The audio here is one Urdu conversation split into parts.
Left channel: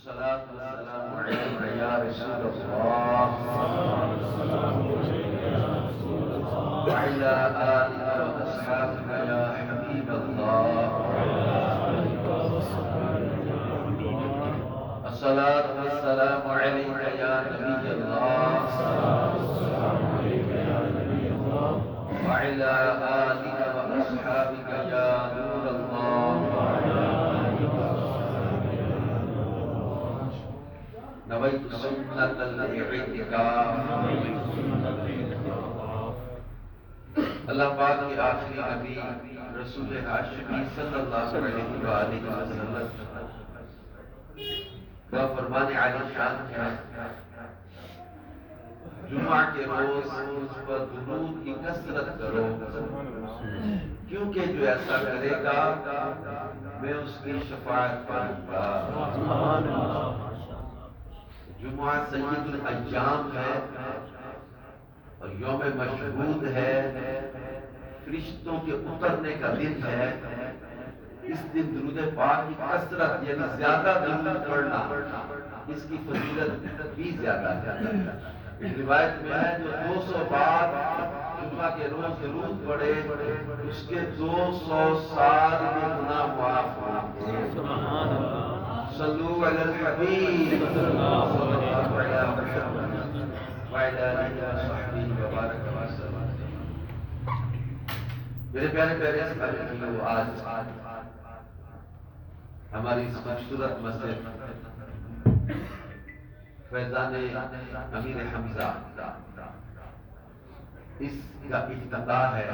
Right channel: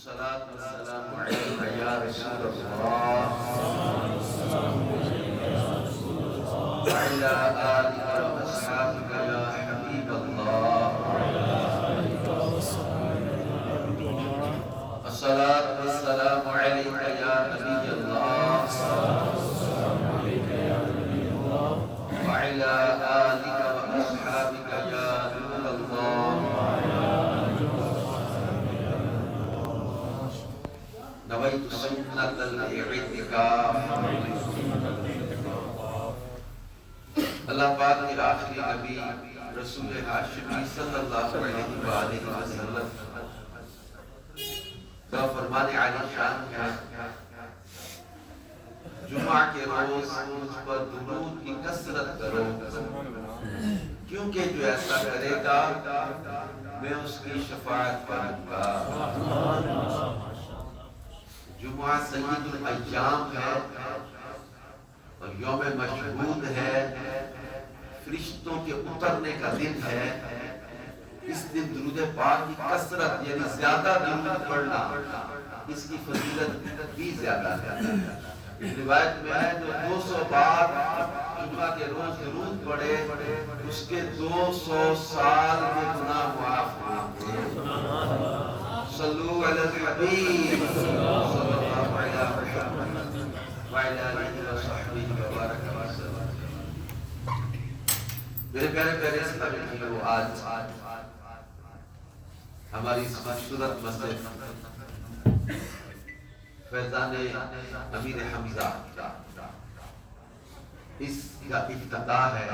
الصلاة والسلام عليك يا رسول الله وعلى آلك وأصحابك يا حبيب الله. الصلاة والسلام عليك يا نبي الله وعلى آلك وأصحابك يا نور الله. نويت سنة الاعتكاف. اللہ پاک کے آخری نبی رسول ہاشمی صلی اللہ علیہ وآلہ وسلم کا فرمان عالی شان ہے، جمعہ کے روز مجھ پر درود کی کثرت کرو، کیونکہ جو ایسا کرے گا میں اس کی شفاعت کروں گا۔ جمعہ سید الایام ہے اور یوم مشہود ہے، فرشتوں کے اترنے کا دن ہے۔ اس دن درود پاک کی کثرت یعنی زیادہ درود پڑھنا، اس کی فضیلت بھی زیادہ ہے۔ اس روایت میں ہے جو 200 بار جمعہ کے روز درود پڑھے اس کے 200 سال کے گناہ معاف ہوں گے۔ صلو علی الحبیب صلی اللہ علیہ وسلم وعلی آلہ وصحبہ وبارک وسلم۔ میرے پیارے پیارے اسلامیوں، آج ہماری اس خوبصورت مسجد فیضان امیر حمزہ اس کا افتتاح ہے،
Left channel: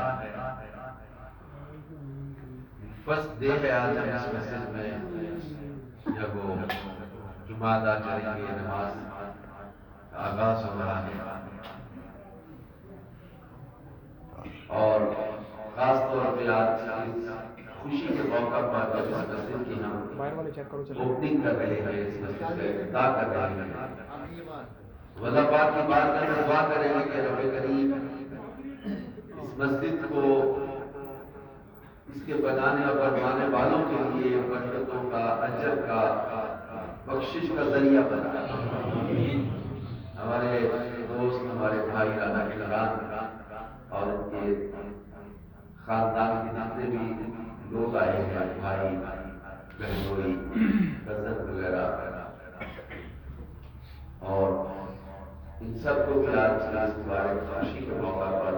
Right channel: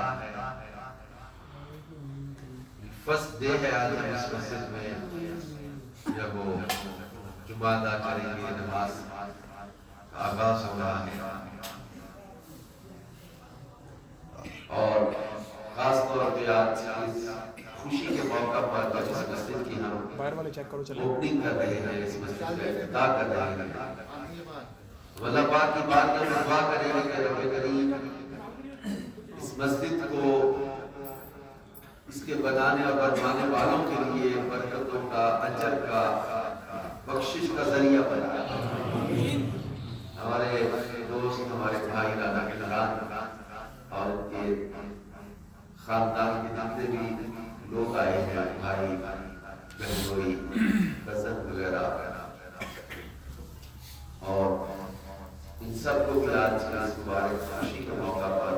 فرسٹ ڈے ہے آج ہم اس مسجد میں جب وہ جمعہ ادا کریں گے، نماز کا آغاز ہو رہا ہے۔ اور خاص طور پہ آج اس خوشی کے موقع پر جب اس مسجد کی ہم اوپننگ کر رہے ہیں، اس مسجد کا افتتاح کر رہے ہیں، اللہ پاک کی بارگاہ میں دعا کریں گے کہ رب کریم اس مسجد کو اس کے بنانے اور بنوانے والوں کے لیے برکتوں کا، اجر کا، بخشش کا ذریعہ بنائے۔ ہمارے دوست، ہمارے بھائی رانا کلران اور ان کے خاندان کے جتنے بھی لوگ آئے ہیں، بھائی بہنوئی کزن وغیرہ، اور ان سب کو بھی آج اس مبارک خوشی کے موقع پر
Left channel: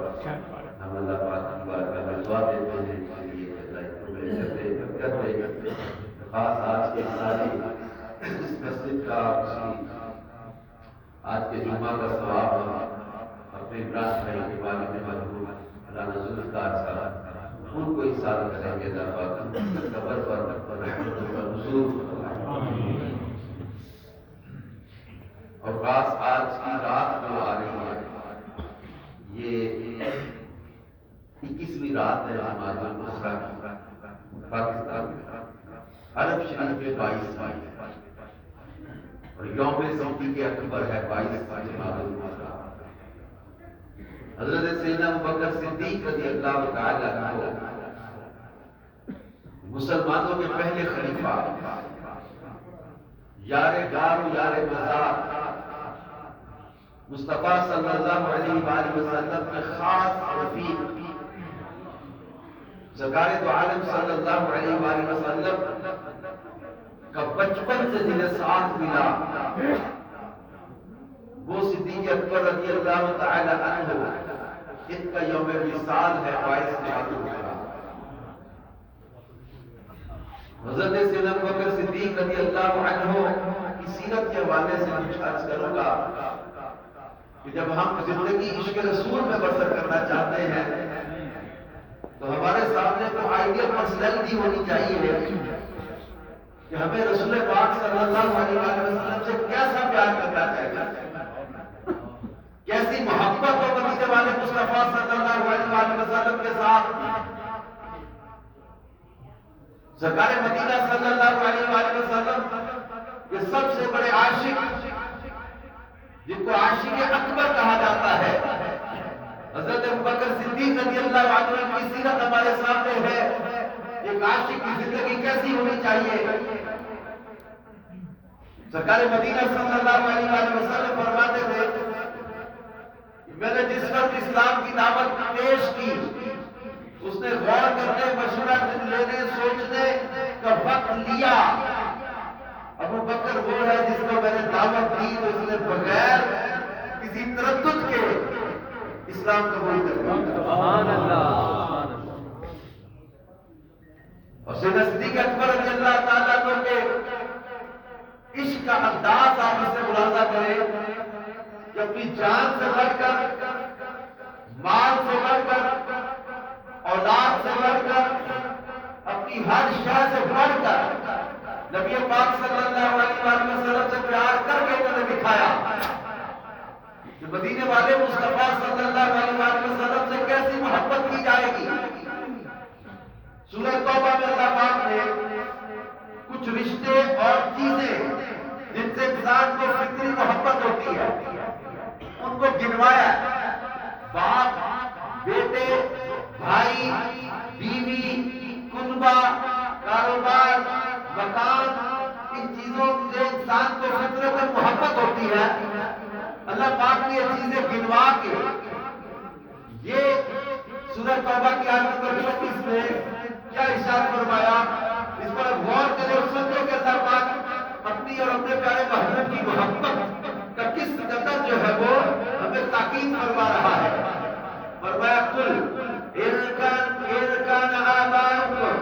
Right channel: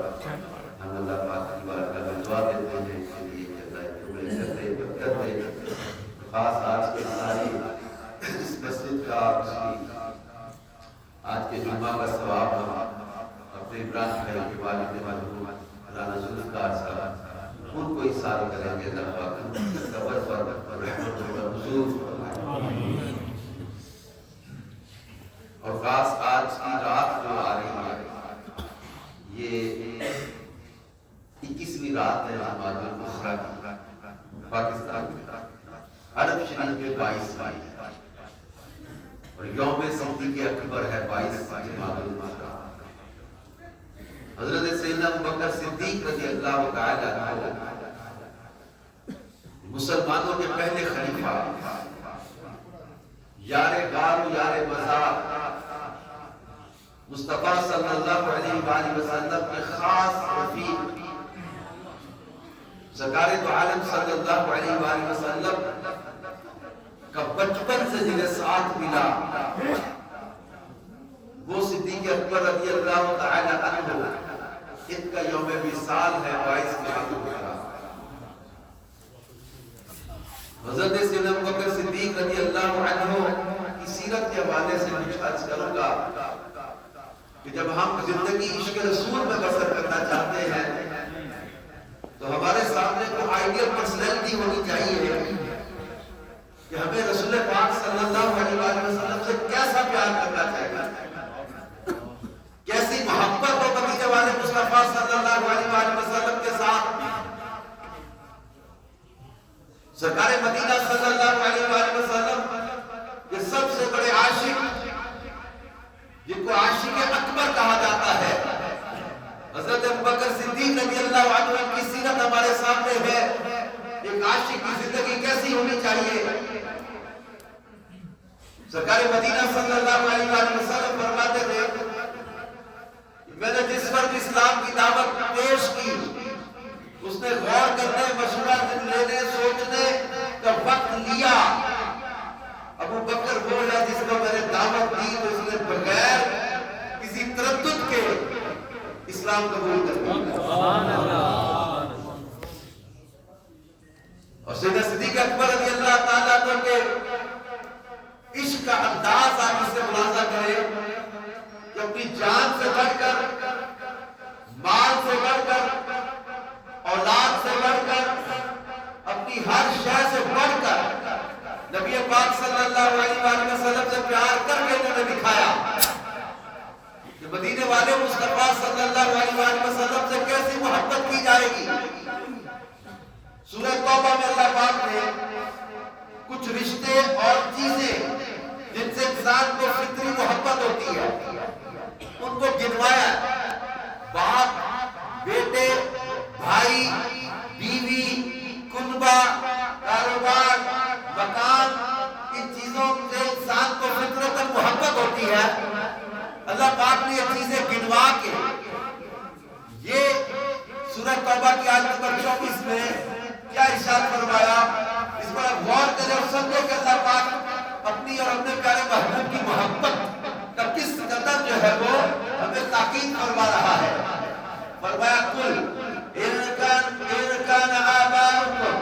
ہم اللہ پاک کی بارگاہ میں دعا دیتے ہیں اس کے لیے کہ اللہ تمہیں کرتے خاص آج کے ساری اس مسجد کا، آج کے جمعہ کا ثواب اپنے عمران بھائی کے والد مرحوم رانا ذوالفقار صاحب ان کو ایصال کریں گے۔ اللہ پاک قبر پر رحمت و نزول فرمائے۔ اور خاص آج کی رات جو آ رہی ہے، یہ 21ویں رات ہے جماعت الاخرى کی، پاکستان میں عرب شریف میں 22 ہے اور یوم صدیق اکبر ہے 22 جماعت الاخرى۔ حضرت سیدنا ابوبکر صدیق رضی اللہ تعالی عنہ مسلمانوں کے پہلے خلیفہ، یار غار و یار مزار، مصطفیٰ صلی اللہ علیہ وآلہ وسلم کے خاص رفیق، سرکار دو عالم صلی اللہ علیہ وآلہ وسلم کا بچپن سے جنہیں ساتھ ملا، وہ صدیق اکبر رضی اللہ تعالی عنہ، ان کا یوم وصال ہے 22 جمادی الاولیٰ۔ حضرت سیدنا ابوبکر صدیق رضی اللہ عنہ کی سیرت کے حوالے سے کچھ عرض کروں گا کہ جب ہم زندگی عشق رسول میں بسر کرنا چاہتے ہیں تو ہمارے سامنے کو آئیڈیل پرسنالٹی ہونی چاہیے کہ ہمیں رسول پاک صلی اللہ علیہ وسلم سے کیسا پیار کرنا چاہیے، کیسی محبت ہو مدینے والے مصطفیٰ صلی اللہ علیہ وسلم کے ساتھ۔ سرکار مدینہ صلی اللہ علیہ وسلم کے سب سے بڑے عاشق، جن کو عاشق اکبر کہا جاتا ہے، حضرت ابوبکر صدیق رضی اللہ عنہ کی سیرت ہمارے سامنے ہے۔ ایک عاشق کی زندگی کیسی ہونی چاہیے؟ سرکار مدینہ صلی اللہ علیہ وآلہ وسلم فرماتے تھے میں نے جس وقت اسلام کی دعوت پیش کی اس نے غور کرنے مشورہ لینے سوچنے کا وقت لیا. ابو بکر وہ ہے جس کو میں نے دعوت دی تو اس نے بغیر کسی تردد کے اسلام قبول کر لیا. اور سیدنا صدیق اکبر رضی اللہ تعالیٰ عنہ کے عشق کا انداز آپ اس سے ملاحظہ کریں کہ اپنی جان سے بڑھ کر، مال سے بڑھ کر، اولاد سے بڑھ کر، اپنی ہر شے سے بڑھ کر نبی پاک صلی اللہ علیہ وآلہ وسلم سے پیار کر کے انہوں نے دکھایا کہ مدینے والے مصطفیٰ صلی اللہ علیہ وآلہ وسلم سے کیسی محبت کی جائے گی. سورہ توبہ میں اللہ پاک نے کچھ رشتے اور چیزیں جن سے انسان کو فطری محبت ہوتی ہے ان کو گنوایا. باپ، بیٹے، بھائی، بیوی، کنبہ، کاروبار، مکان، ان چیزوں سے انسان کو فطرتاً محبت ہوتی ہے. اللہ پاک نے یہ چیزیں گنوا کے یہ سورہ توبہ کی آیت نمبر 24 میں کیا ارشاد فرمایا، اس پر غور کریں اور سمجھیں کہ اللہ پاک اپنی اور اپنے پیارے محبوب کی محبت کا کس قدر جو ہے وہ ہمیں تاکید فرما رہا ہے. فرمایا کل ارکان آباؤکم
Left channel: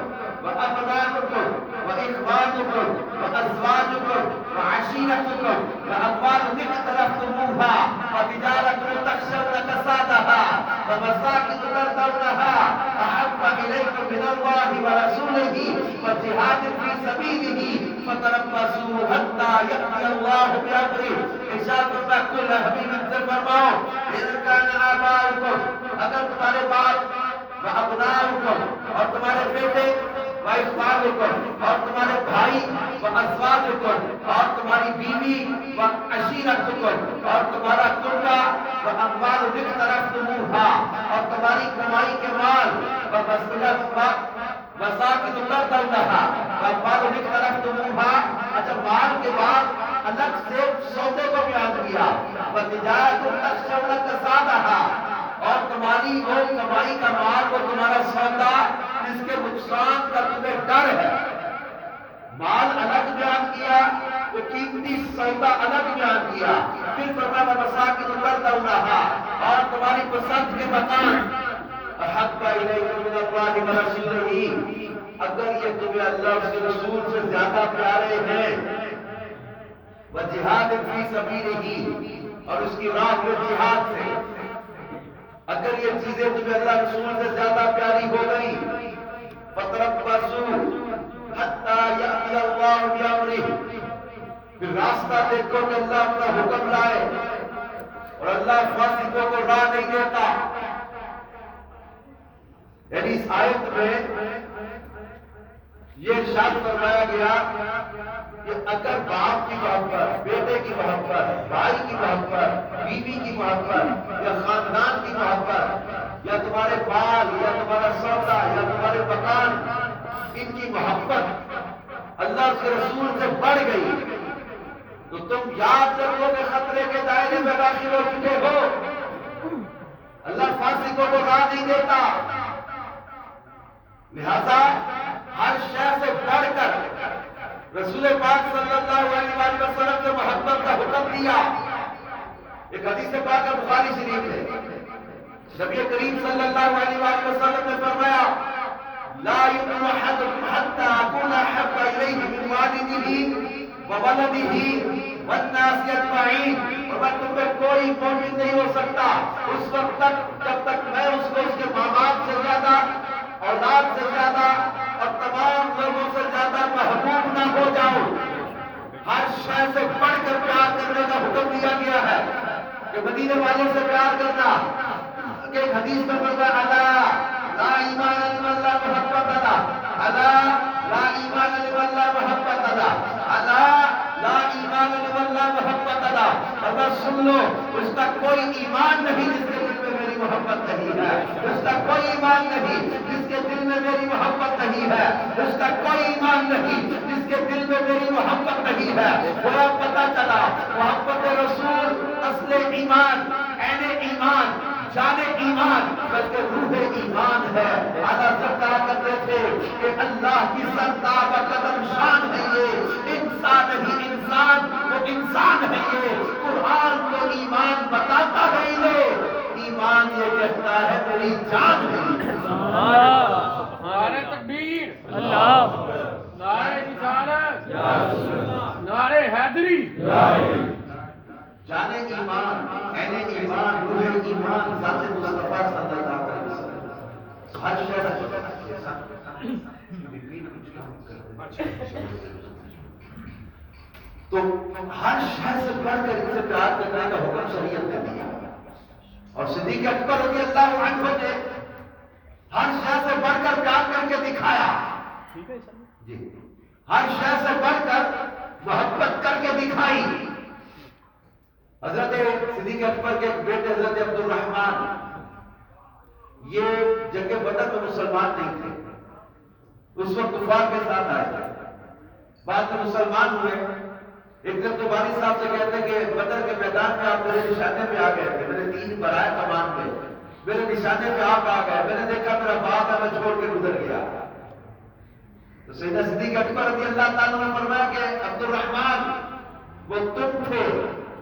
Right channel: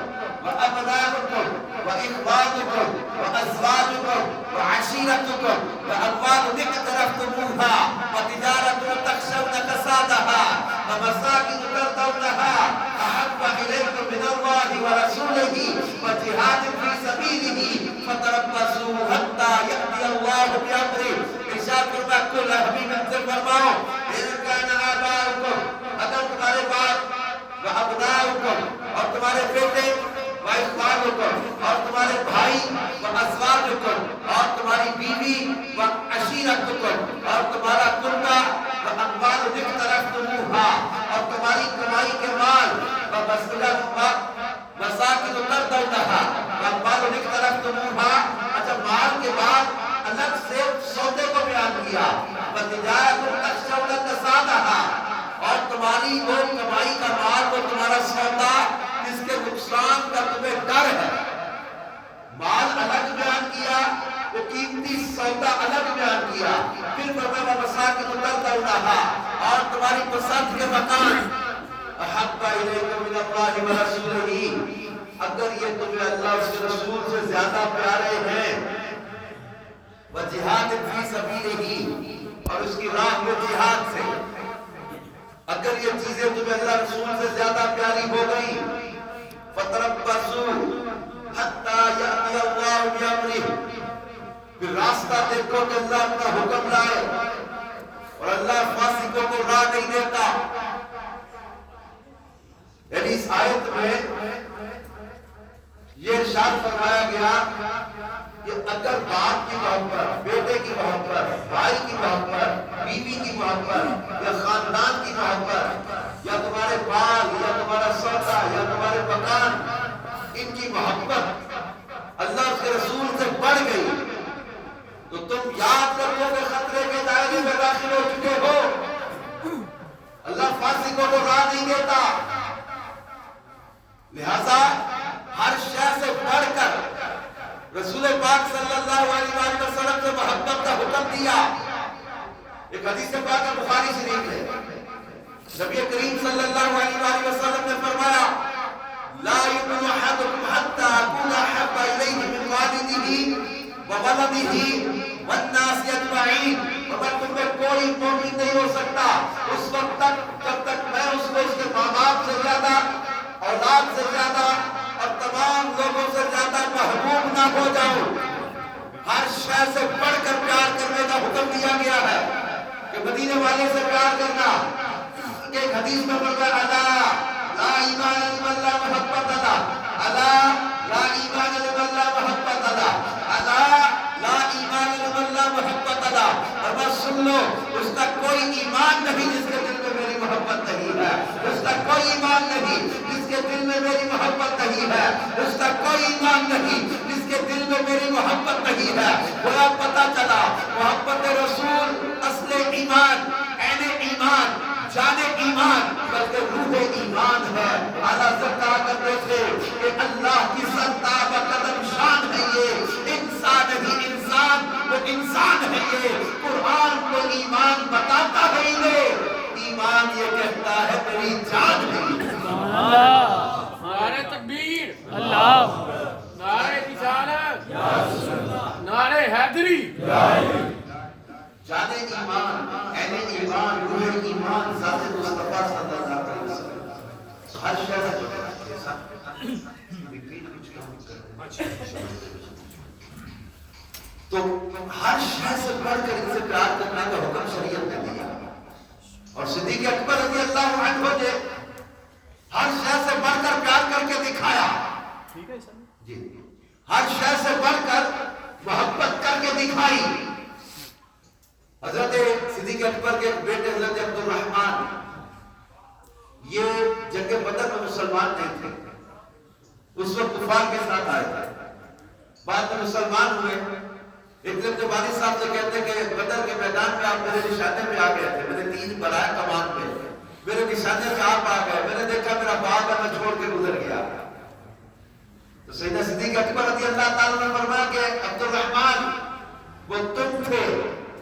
وابناؤکم واخوانکم وازواجکم وعشیرتکم واموال اقترفتموها وتجارة تخشون کسادها ومساکن ترضونها احب الیکم من اللہ ورسولہ وجہاد فی سبیلہ فتربصوا حتی یأتی اللہ بامرہ. ارشاد کرتا کل حبیب ان سے فرماؤ ارکان آباؤکم، اگر تمہارے باپ وابناؤکم اور تمہارے بیٹے، واخوانکم اور تمہارے بھائی، وازواجکم اور تمہاری بیوی، وعشیرتکم اور تمہارا کنبہ، واموال اقترفتموها اور تمہاری کمائی کے مال، ومساکن ترضونها واموال اقترفتموها. اچھا مال کے بعد الگ سے سودے کو بیان کیا، وتجارۃ تخشون کسادها اور تمہاری وہ کمائی کا مال، وہ تمہارا سودا جس کے نقصان کا تمہیں ڈر ہے. مال الگ بیان کیا، وہ قیمتی سودا الگ بیان کیا. پھر فرمایا مساکن ترضونها اور تمہاری پسند کے مکان. احب الیکم من اللہ ورسولہ، اگر یہ تمہیں اللہ اور اس کے رسول سے زیادہ پیارے ہیں، وجہاد فی سبیلہ اور اس کی راہ میں جہاد سے، اگر یہ چیزیں تمہیں اللہ رسول سے زیادہ پیاری ہو گئی، فتربصوا حتی یأتی اللہ بامرہ، پھر راستہ دیکھو کہ اللہ اپنا حکم لائے اور اللہ فاسقوں کو راہ نہیں دیتا. یعنی اس آیت میں یہ ارشاد فرمایا گیا کہ اگر باپ کی محبت، بیٹے کی محبت، بھائی کی محبت، بیوی کی محبت یا خاندان کی محبت یا تمہارے بال یا تمہارا سودا یا تمہارے مکان، ان کی محبت اللہ کے رسول سے بڑھ گئی تو تم یاد رکھو کہ خطرے کے دائرے میں داخل ہو چکے ہو. اللہ فاسقوں کو راہ نہیں دیتا. لہذا ہر شے سے بڑھ کر رسول پاک صلی اللہ علیہ وآلہ وسلم سے محبت کا حکم دیا. ایک حدیث پاک بخاری شریف ہے، نبی کریم صلی اللہ علیہ وآلہ وسلم نے فرمایا لا يؤمن احدكم حتى اكون احب اليه من والده وولده والناس اجمعین. اور تم میں کوئی مومن نہیں ہو سکتا اس وقت تک جب تک میں اس کو اس کے ماں باپ سے زیادہ، اولاد سے زیادہ اور تمام لوگوں سے زیادہ محبوب نہ ہو جاؤں. ہر شے سے بڑھ کر پیار کرنے کا حکم دیا گیا ہے کہ مدینے والے سے پیار کرنا. کہ ایک حدیث میں فرمایا الا لا ایمان لمن لا محبت له، الا لا ایمان لمن لا محبت له، الا لا ایمان لمن لا محبت له. اور بس سن لو، اس کا کوئی ایمان نہیں جس کے دل میں میری محبت نہیں ہے. اس کا کوئی ایمان نہیں جس کے دل میں میری محبت نہیں ہے. اس کا کوئی ایمان نہیں جس کے دل میں میری محبت نہیں ہے. وہ محبت رسول اصل ایمان، عین ایمان، جان ایمان، بلکہ روح ایمان ہے۔ اعلیٰ حضرت کہا کرتے تھے کہ اللہ کی سرتاب قدم شان ہے یہ، انسان ہی انسان، وہ انسان ہے یہ۔ قرآن کو ایمان بتاتا ہے انہیں، ایمان یہ کہتا ہے میری جان ہے۔ اللہ، نعرہ تکبیر، اللہ، نعرہ رسالت، نعرہ حیدری، جان ایمان، عین ایمان، روح ایمان، ذات مصطفیٰ صلی اللہ علیہ وسلم۔ ہر تو ہر شے سے بڑھ کر ان سے پیار کرنے کا حکم شریعت نے دیا، اور صدیق اکبر رضی اللہ عنہ نے ہر شے سے بڑھ کر پیار کر کے دکھایا، جی ہر شے سے بڑھ کر محبت کر کے دکھائی۔ حضرت صدیق اکبر کے بیٹے حضرت عبد الرحمن، یہ جنگ بدر میں مسلمان نہیں تھے، اس وقت کفار کے ساتھ آئے تھے، بعد میں مسلمان ہوئے۔ ایک دن اپنے والد صاحب سے کہتے ہیں کہ بدر کے میدان میں آپ میرے نشانے پہ آ گئے تھے، میرے تین برائے کمان پہ میرے نشانے پہ آپ آ گئے، میں نے دیکھا میرا باپ ہے، میں چھوڑ کے گزر گیا۔ تو سیدنا صدیق اکبر رضی اللہ تعالیٰ نے فرمایا کہ عبد الرحمن وہ تم تھے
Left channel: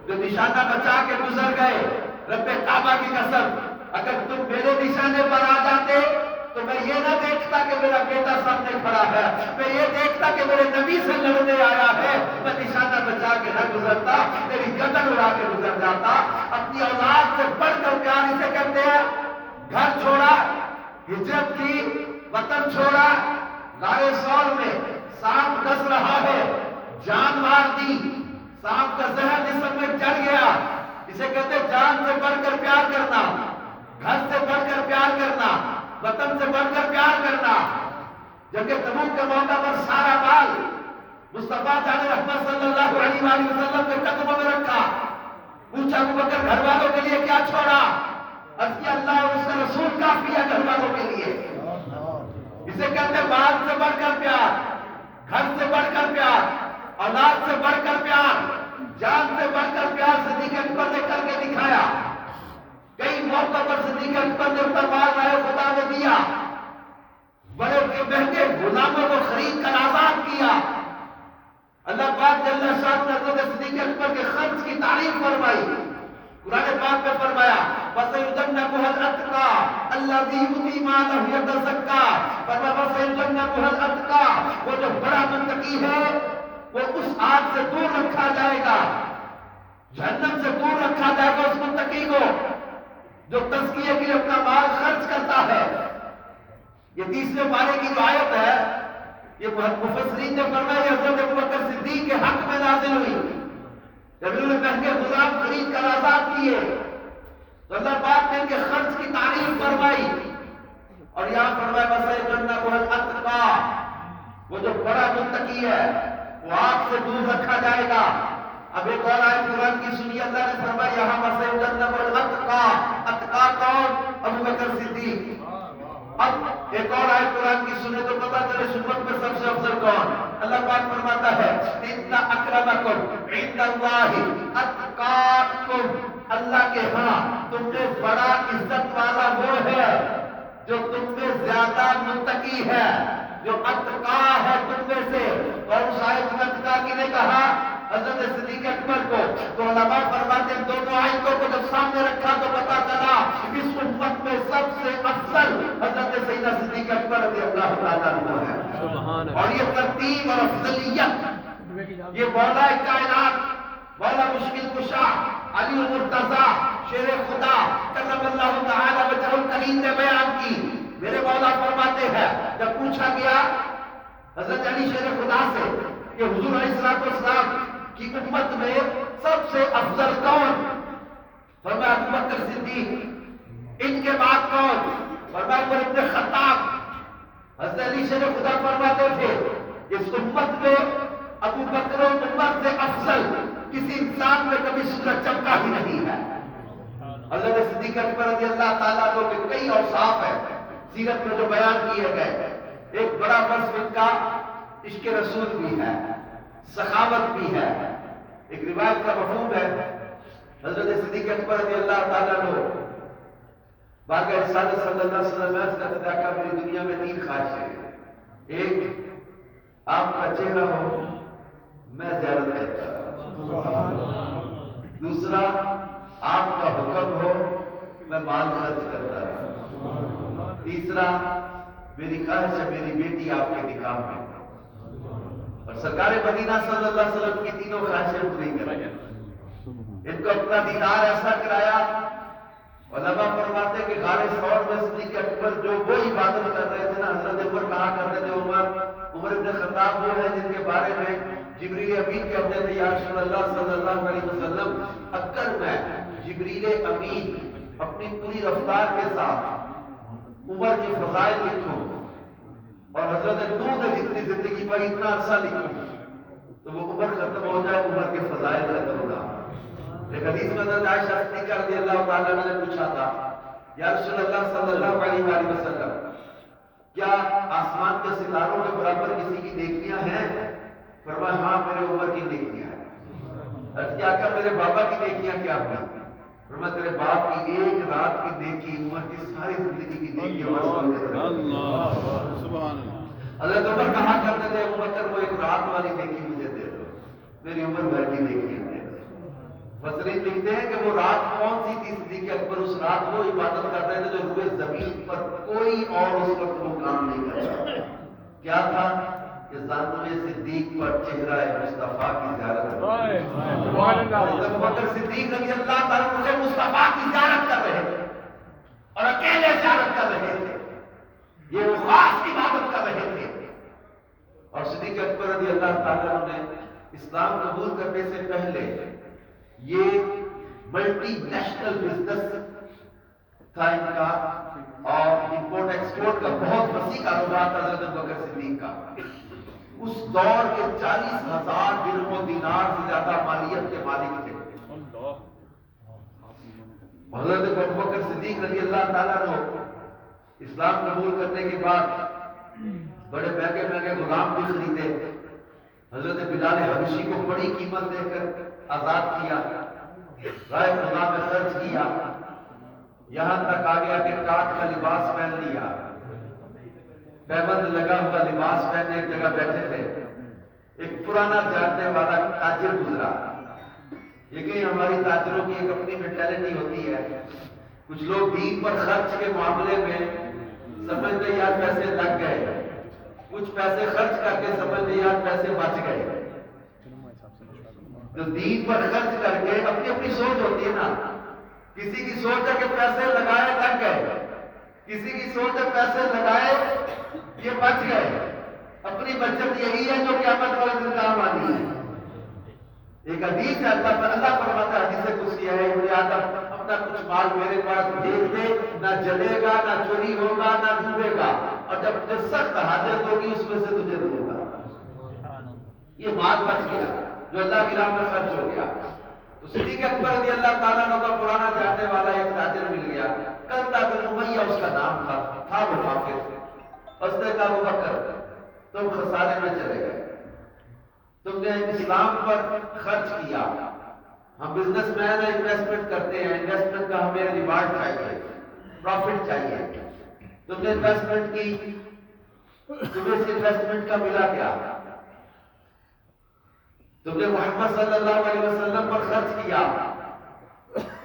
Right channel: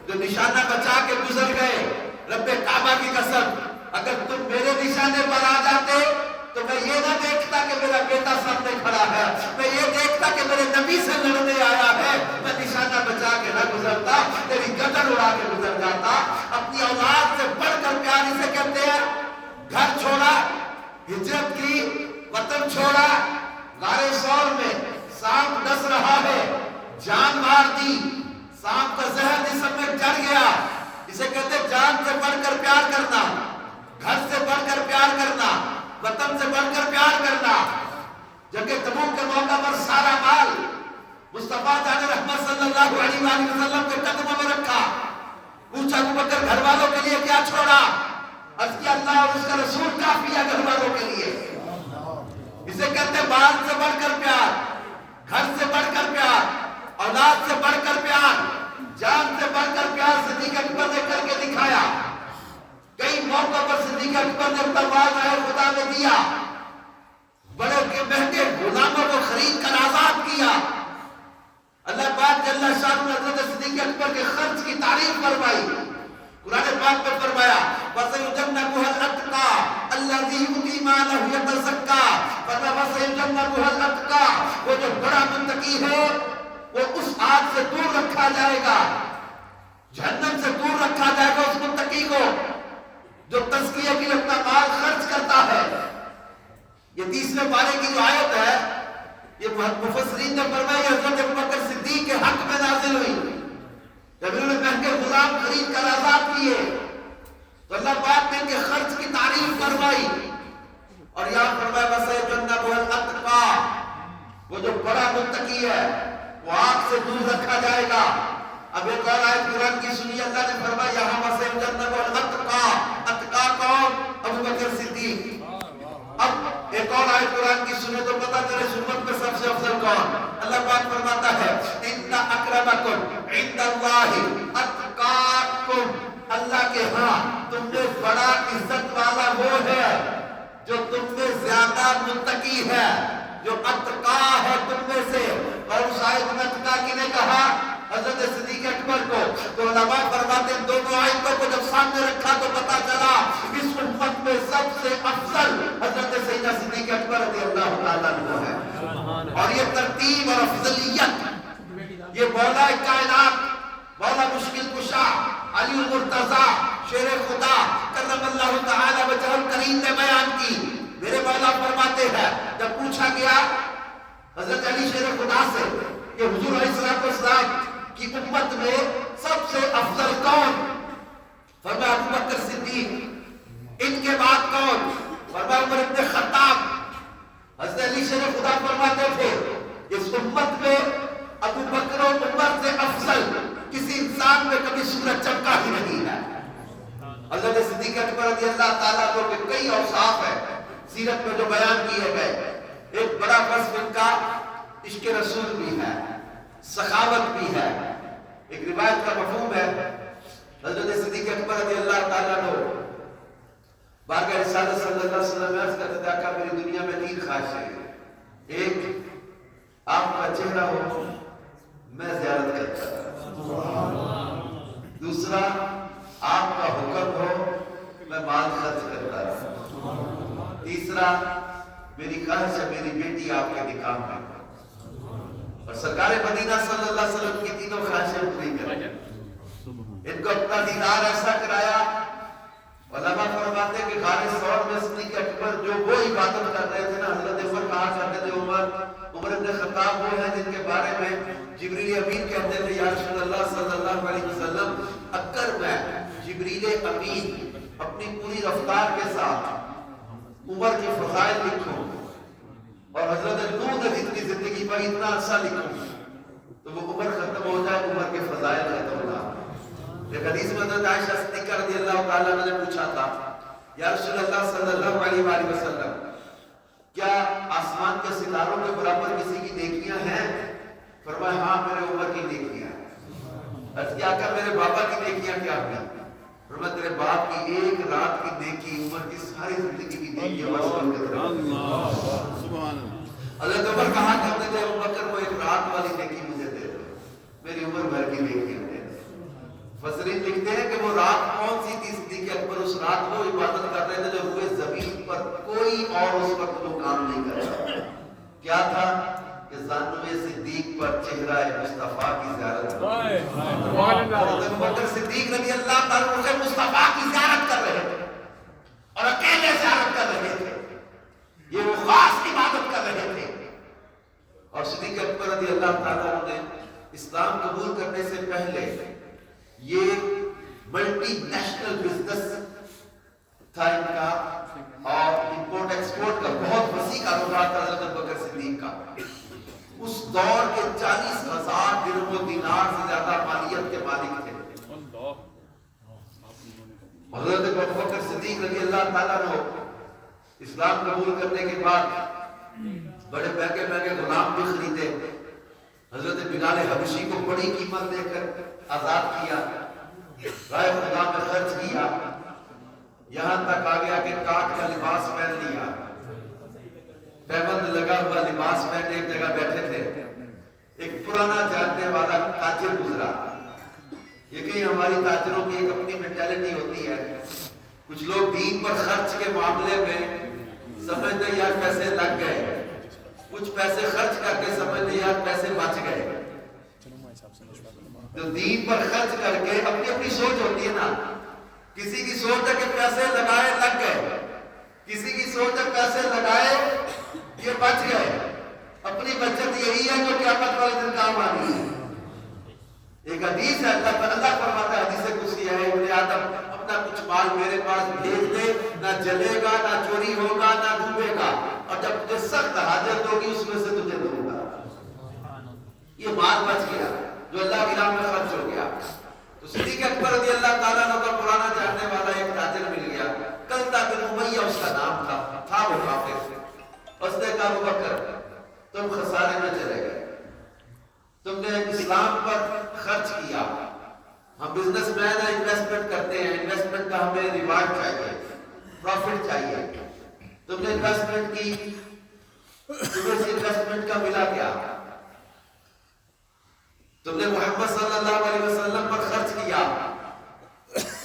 جو نشانہ بچا کے گزر گئے، رب کعبہ کی قسم اگر تم میرے نشانے پر آ جاتے تو میں یہ نہ دیکھتا کہ میرا بیٹا سامنے کھڑا ہے، میں یہ دیکھتا کہ میرے نبی سے لڑنے آیا ہے، میں نشانہ بچا کے نہ گزرتا، تیری گردن اڑا کے گزر جاتا۔ اپنی اولاد سے بڑھ کر پیار اسے کہتے ہیں۔ گھر چھوڑا، ہجرت کی، وطن چھوڑا، غار سور میں سانپ ڈس رہا ہے، جان مار دی، سانپ کا زہر جسم میں چڑھ گیا، اسے کہتے جان سے بڑھ کر پیار کرنا، گھر سے بڑھ کر پیار کرنا، وطن سے بڑھ کر پیار کرنا۔ جنگ تبوک کے موقع پر سارا مال مصطفیٰ جان رحمت صلی اللہ علیہ وآلہ وسلم کے قدموں میں رکھا، پوچھا ابو بکر گھر والوں کے لیے کیا چھوڑا؟ عرض کیا اللہ اور اس کا رسول کافی ہے گھر والوں کے لیے۔ اسے کہتے ہیں مال سے بڑھ کر پیار، گھر سے بڑھ کر پیار، اولاد سے بڑھ کر پیار، جان سے بڑھ کر پیار صدیق اکبر نے کر کے دکھایا۔ کئی موقع پر صدیق اکبر نے اپنا مال رہے خدا نے دیا، بڑے کے مہنگے غلاموں کو خرید کر آزاد کیا۔ اللہ پاک جل شانہ نے حضرت صدیق اکبر کے خرچ کی تعریف فرمائی، قرآن پاک میں فرمایا وَسَيُجَنَّبُهَا الْأَتْقَى الَّذِي يُؤْتِي مَالَهُ يَتَزَكَّى، وَسَيُجَنَّبُهَا الْأَتْقَى، وہ جو بڑا متقی ہے وہ اس آگ سے دور رکھا جائے گا، جہنم سے دور رکھا جائے گا اس متقی کو جو تزکیے کے لیے اپنا مال خرچ کرتا ہے۔ یہ 30ویں پارے کی جو آیت ہے یہ مفسرین نے فرمایا حضرت ابوبکر صدیق کے حق میں نازل ہوئی، جب انہوں نے مہنگے غلام خرید کر آزاد کیے تو اللہ پاک نے ان کے خرچ کی تعریف فرمائی، اور یہاں فرمایا وَسَيُجَنَّبُهَا الْأَتْقَى، وہ جو بڑا متقی ہے وہ آگ سے دور رکھا جائے گا۔ اب ایک اور آیت قرآن کی سنی، اللہ نے فرمایا یہاں وَسَيُجَنَّبُهَا الْأَتْقَى، اتقا کون؟ ابو بکر صدیق۔ اب ایک اور آیت قرآن کی سنے تو پتہ چلے سنت میں سب سے افضل کون؟ اللہ پاک فرماتا ہے ان اکرمکم عند اللہ اتقاکم، اللہ کے ہاں تم نے بڑا عزت والا وہ ہے جو تم میں زیادہ متقی ہے، جو اتقا ہے تم میں سے۔ اور اس آیت میں اتقا کی نے کہا حضرت صدیق اکبر کو، تو علماء فرماتے ہیں دونوں آیتوں کو جب سامنے رکھا تو پتا چلا اس امت میں سب سے افضل حضرت سیدنا صدیق اکبر رضی اللہ تعالیٰ عنہ ہے۔ اور یہ ترتیب اور افضلیت یہ مولا کائنات، مولا مشکل کشا، علی المرتضیٰ، شیر خدا کرم اللہ تعالیٰ وجہہ الکریم نے بیان کی۔ میرے مولا فرماتے ہیں جب پوچھا گیا حضرت علی شیر خدا سے کہ حضور علیہ السلام کی امت میں سب سے افضل کون؟ فرمایا ابو بکر صدیق۔ ان کے بعد کون؟ فرمایا عمر ابن خطاب۔ حضرت علی شیر خدا فرماتے تھے اس امت میں ابو بکر و عمر سے افضل کسی انسان میں کبھی سورج چمکا ہی نہیں ہے۔ حضرت صدیق اکبر رضی اللہ تعالیٰ عنہ کے کئی اوصاف ہیں سیرت میں جو بیان کیے گئے، ایک بڑا وصف ان کا عشق رسول بھی ہے، سخاوت بھی ہے، ایک روایت کا مفہوم ہے، حضرت صدیق اکبر رضی اللہ تعالیٰ عنہ بارگاہ رسالت صلی اللہ علیہ وسلم عرض کرتے تھے کہ میری دنیا میں 3 خواہشیں ہیں، ایک آپ کا چہرہ ہو میں زیارت کرتا، دوسرا آپ کا حکم ہو میں مال خرچ کرتا، تیسرا میری خواہش ہے میری بیٹی آپ کے نکاح میں، اور سرکار مدینہ صلی اللہ علیہ وسلم کی تینوں خواہشیں پوری کریں، ان کو اپنا دیدار ایسا کرایا۔ علماء فرماتے ہیں کہ غار ثور میں صدیق اکبر جو وہ عبادت کر رہے تھے نا، حضرت عمر کہا کرتے تھے عمر ابن خطاب وہ ہیں جن کے بارے میں جبریل امین کہتے تھے یا رسول اللہ صلی اللہ علیہ وسلم اگر میں جبریل امین اپنی پوری رفتار کے ساتھ عمر کی فضائل لکھوں اور حضرت نوح نے اتنی زندگی پر اتنا عرصہ لکھوں تو وہ عمر ختم ہو جائے، عمر کے فضائل ختم نہ۔ ایک حدیث میں حضرت عائشہ صدیقہ رضی اللہ تعالیٰ عنہ نے پوچھا تھا یا رسول اللہ صلی اللہ علیہ وآلہ وسلم کیا آسمان کے ستاروں کے برابر کسی کی نیکیاں ہیں؟ فرمایا ہاں میرے عمر کی نیکیاں ہیں۔ عرض کیا کہ میرے بابا کی نیکیاں کیا ہوئی؟ فرمایا تیرے باپ کی ایک رات کی نیکی عمر کی ساری زندگی کی نیکیاں مسئول کرتے ہیں۔ سبحان اللہ۔ حضرت عمر کہا کرتے تھے ابو بکر وہ ایک رات والی نیکی مجھے دے دو، میری عمر بھر کی نیکیاں دے دو۔ مفسرین لکھتے ہیں کہ وہ رات کون سی تھی؟ صدیق اکبر اس رات کو عبادت کر رہے تھے جو روئے زمین پر کوئی اور اس وقت وہ کام نہیں کر رہا۔ کیا تھا کہ زانوے صدیق پر چہرہ مصطفیٰ کی زیارت ابو بکر صدیق رضی اللہ تعالیٰ عنہ مصطفیٰ کی زیارت کر رہے تھے اور اکیلے زیارت کر رہے تھے، یہ وہ خاص عبادت کر رہے تھے۔ اور صدیق اکبر رضی اللہ تعالیٰ عنہ نے اسلام قبول کرنے سے پہلے یہ ملٹی نیشنل بزنس تھا ان کا، اور امپورٹ ایکسپورٹ کا بہت وسیع کاروبار تھا حضرت ابوبکر صدیق کا۔ اس دور کے 40,000 درہم و دینار سے زیادہ مالیت کے مالک تھے۔ حضرت ابوبکر صدیق رضی اللہ تعالیٰ عنہ اسلام قبول کرنے کے بعد بڑے مہنگے مہنگے غلام بھی خریدے، حضرت بلال حبشی کو بڑی قیمت دے کر آزاد کیا، رائے خدا میں خرچ کیا، یہاں تک آ گیا کہ کاٹ کا لباس پہن لیا، پیبند لگا ہوا لباس پہن ایک جگہ بیٹھے تھے، ایک پرانا جاننے والا تاجر گزرا۔ یقین ہماری تاجروں کی ایک اپنی مینٹیلٹی ہوتی ہے، کچھ لوگ دین پر خرچ کے معاملے میں سمجھتے یار پیسے لگ گئے، کچھ پیسے خرچ کر کے سمجھتے یار پیسے بچ گئے۔ جو دین پر خرچ کر کے اپنی اپنی سوچ ہوتی ہے نا، کسی کی سوچ ہے کہ پیسے لگائے لگ گئے، کسی کی سوچ ہے پیسے لگائے یہ بچ گئے، اپنی بچت یہی ہے جو قیامت والے دن کام آنی ہے۔ ایک حدیث ہے اللہ فرماتا ہے، حدیث قدسی ہے، ابن آدم اپنا کچھ مال میرے پاس بھیج دے، نہ جلے گا نہ چوری ہوگا نہ ڈوبے گا، اور جب تجھے سخت حاجت ہوگی اس میں سے تجھے دوں گا۔ یہ مال بچ گیا جو اللہ کی راہ میں خرچ ہو گیا۔ تو صدیق اکبر رضی اللہ تعالیٰ عنہ کا پرانا جاننے والا ایک تاجر مل گیا، قلدہ بن امیہ اس کا نام تھا وہ حافظ۔ اس نے کہا ابو بکر تم خسارے میں چلے گئے، تم نے اسلام پر خرچ کیا، ہم بزنس مین ہیں انویسٹمنٹ کرتے ہیں، انویسٹمنٹ کا ہمیں ریوارڈ چاہیے، پروفٹ چاہیے، تم نے انویسٹمنٹ کی، تمہیں اس انویسٹمنٹ کا ملا کیا؟ تم نے محمد صلی اللہ علیہ وسلم پر خرچ کیا،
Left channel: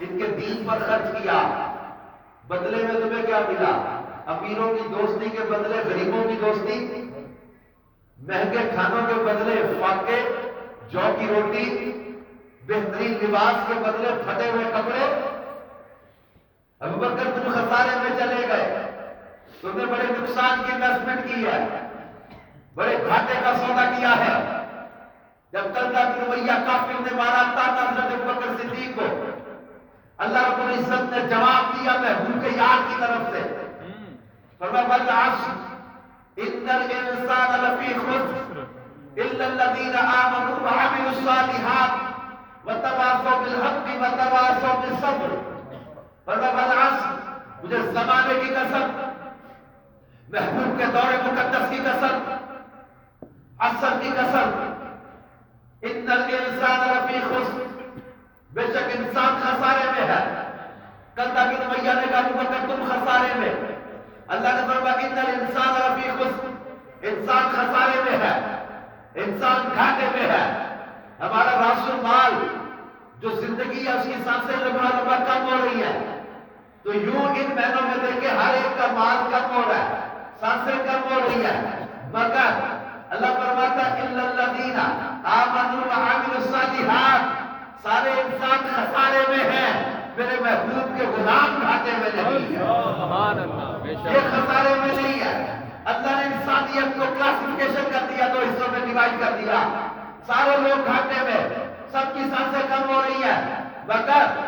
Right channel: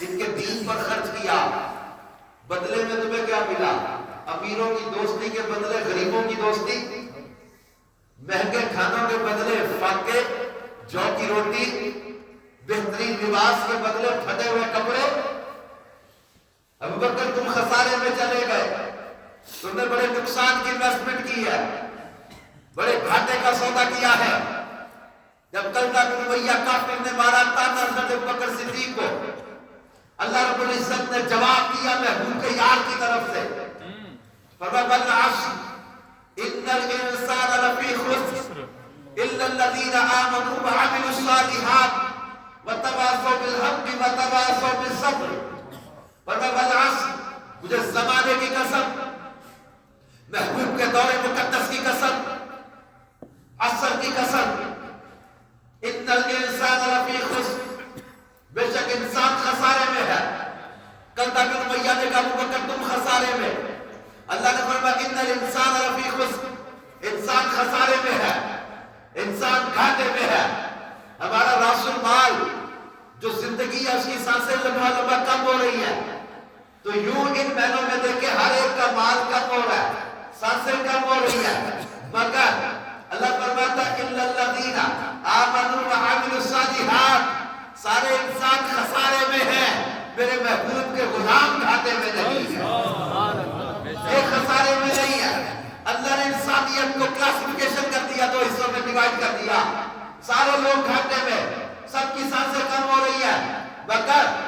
ان کے دین پر خرچ کیا، بدلے میں تمہیں کیا ملا؟ امیروں کی دوستی کے بدلے غریبوں کی دوستی، مہنگے کھانوں کے بدلے فاقے، جو کی روٹی، بہترین لباس کے بدلے پھٹے ہوئے کپڑے۔ ابو بکر تم خسارے میں چلے گئے، تم نے بڑے نقصان کی انویسٹمنٹ کی ہے، بڑے گھاٹے کا سودا کیا ہے۔ جب قلدہ بن امیہ کافر نے مارا تانا حضرت ابو بکر صدیق کو، اللہ رب العزت نے جواب دیا محبوب کے یار کی طرف سے، فرمایا والعصر ان الانسان لفی خسر الا الذین آمنوا وعملوا الصالحات وتواصوا بالحق وتواصوا بالصبر۔ فرمایا والعصر، مجھے زمانے کی قسم، محبوب کے دور مقدس کی قسم، عصر کی قسم، ان الانسان لفی خسر میاں نے کہا ابو بکر تم خسارے میں. اللہ نے فرمایا ان الانسان لفی خسر, انسان خسارے میں ہے, انسان گھاٹے میں ہے. ہمارا راس المال جو زندگی ہے اس کی سانسیں لمحہ لمحہ کم ہو رہی ہیں. تو یوں ان مہینوں میں دیکھیں ہر ایک کا مال کم ہو رہا ہے, سانسیں کم ہو رہی ہیں. مگر اللہ فرماتا ہے الا الذین آمنوا وعملوا الصالحات, سارے انسان خسارے میں ہیں, میرے محبوب کے غلام گھاٹے میں نہیں ہے, یہ خسارے میں نہیں ہے. اللہ نے انسانیت کو کلاسیفیکیشن کر دیا, دو حصوں میں ڈیوائڈ کر دیا. سارے لوگ گھاٹے میں, سب کی سانسیں کم ہو رہی ہیں, مگر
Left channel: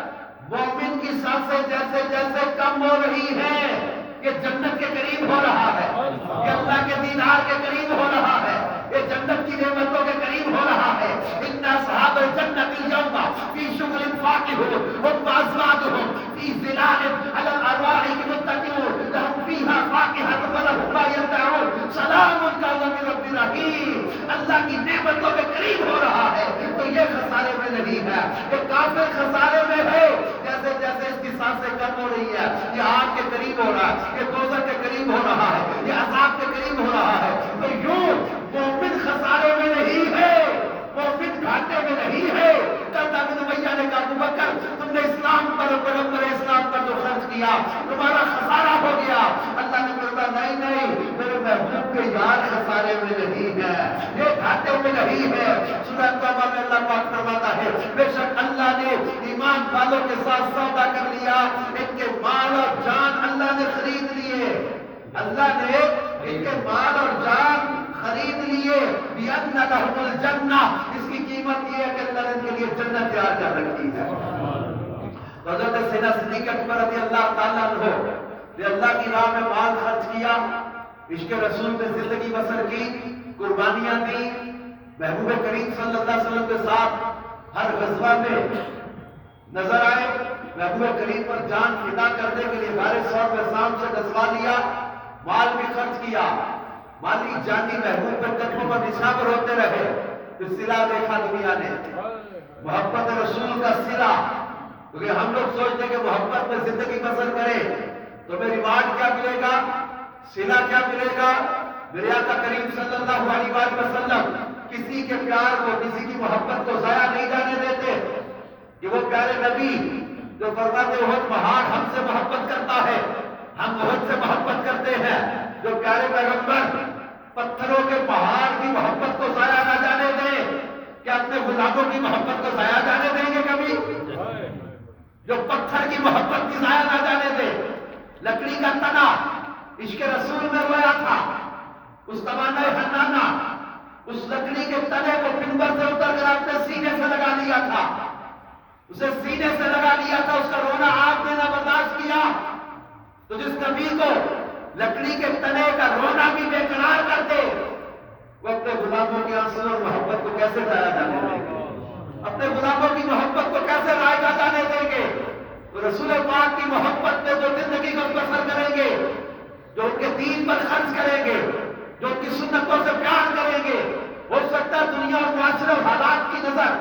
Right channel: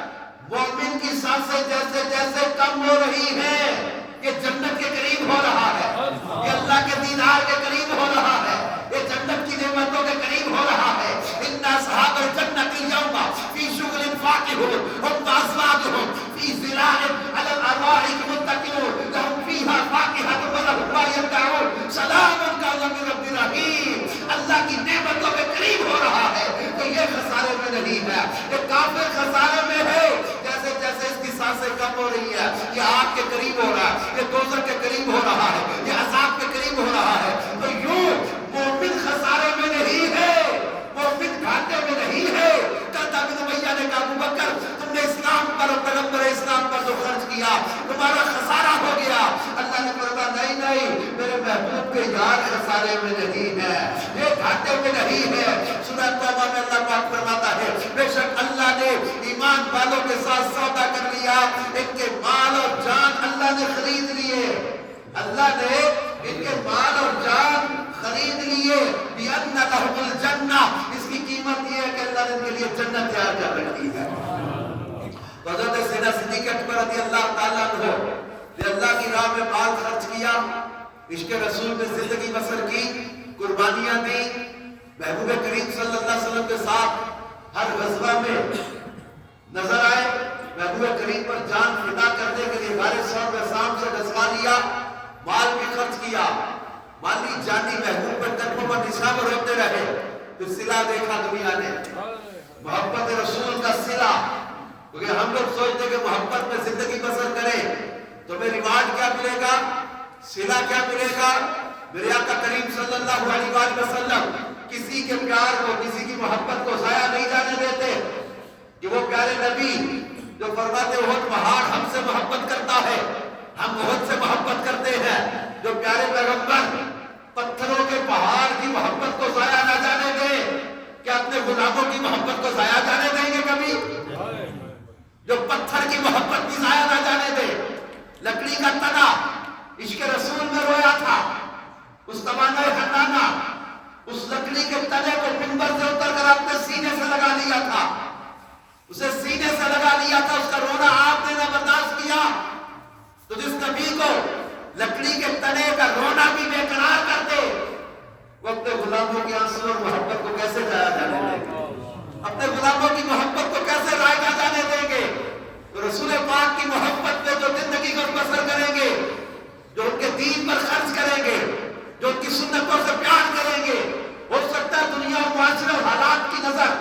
مومن کی سانسیں جیسے جیسے کم ہو رہی ہیں یہ جنت کے قریب ہو رہا ہے, یہ اللہ کے دیدار کے قریب ہو رہا ہے, یہ جنت کی نعمتوں کے قریب ہو رہا ہے. ان اصحاب الجنت یوم فی شغل فاکہون هم وازواجهم فی ظلال علی الارائک متکئون لهم فیہا فاکہۃ ولہم ما یدعون سلام قولا من رب رحیم. اللہ کی نعمتوں کے قریب ہو رہا ہے تو یہ خسارے میں نہیں ہے, یہ کافر خسارے میں ہے. جیسے جیسے اس کی سانسیں کم ہو رہی ہے یہ آگ کے قریب ہو رہا ہے, یہ دوزخ کے قریب ہو رہا ہے, یہ عذاب کے قریب ہو رہا ہے. تو یوں مومن خسارے میں نہیں ہے, مومن گھاٹے میں نہیں ہے. کل ابن امیہ نے کہا ابو بکر تم نے اسلام پر, پیغمبر اسلام پر جو خرچ کیا تمہارا خسارہ ہو گیا. اللہ نے فرمایا نہیں نہیں, میرے محبوب کے یار خسارے میں نہیں ہے, یہ گھاٹے میں نہیں ہے. سورہ توبہ میں اللہ پاک فرماتا ہے بے شک اللہ نے ایمان والوں کے ساتھ سودا کر لیا, ان کے مال اور جان اللہ نے خرید لیے. اللہ نے ان کے مال اور جان خرید لیے. بِأَنَّ لَهُمُ الْجَنَّةِ, اس کی قیمت یہ ہے کہ اللہ نے ان کے لیے جنت تیار کر رکھی ہے. تو حضرت سیدنا صدیق اکبر رضی اللہ تعالیٰ عنہ نے اللہ کی راہ میں مال خرچ کیا, عشق رسول میں زندگی بسر کی, قربانیاں دی, محبوب کریم صلی اللہ علیہ وسلم کے ساتھ ہر غزوہ میں نظر آئے, محبوب کریم پر جان فدا کرنے کے لیے غار ثور میں شام سے غزوہ لیا, مال بھی خرچ کیا, مالی جانی محبوب پر قدموں پر نشاور ہوتے رہے. پھر صلہ دیکھا دنیا نے, محبت رسول کا صلہ, کیونکہ ہم لوگ سوچتے کہ محبت میں زندگی بسر کریں تو میں ریوارڈ کیا ملے گا, صلہ کیا ملے گا. میرے آقا کریم صلی اللہ علیہ وآلہ وسلم کسی کے پیار کو, کسی کی محبت کو ضائع نہیں جانے دیتے. کہ وہ پیارے نبی جو فرماتے احد پہاڑ ہم سے محبت کرتا ہے, ہم احد سے محبت کرتے ہیں. جو پیارے پیغمبر پتھروں کے پہاڑ کی محبت کو ضائع نہ جانے دیں, کیا اپنے غلاموں کی محبت کو ضائع جانے دیں گے کبھی؟ جو پتھر کی محبت بھی ضائع نہ جانے دے. لکڑی کا تنا عشق رسول میں رویا تھا, اس تمنا حنانہ اس لکڑی کے تنے کو منبر سے اتر کر اپنے سینے سے لگا لیا تھا, اسے سینے سے لگا لیا تھا, اس کا رونا آپ نے نہ برداشت کیا. تو جس نبی کو لکڑی کے تنے کا رونا بھی بے قرار کر دے, وہ اپنے غلاموں کے آنسو اور محبت کو کیسے ضائع جانے دیں گے, اپنے غلاموں کی محبت کو کیسے ضائع جانے دیں گے. تو رسول پاک کی محبت میں جو زندگی کو بسر کریں گے, جو ان کے دین پر خرچ کریں گے, جو ان کی سنتوں سے پیار کریں گے, ہو سکتا ہے دنیا اور معاشرے اور حالات کی نظر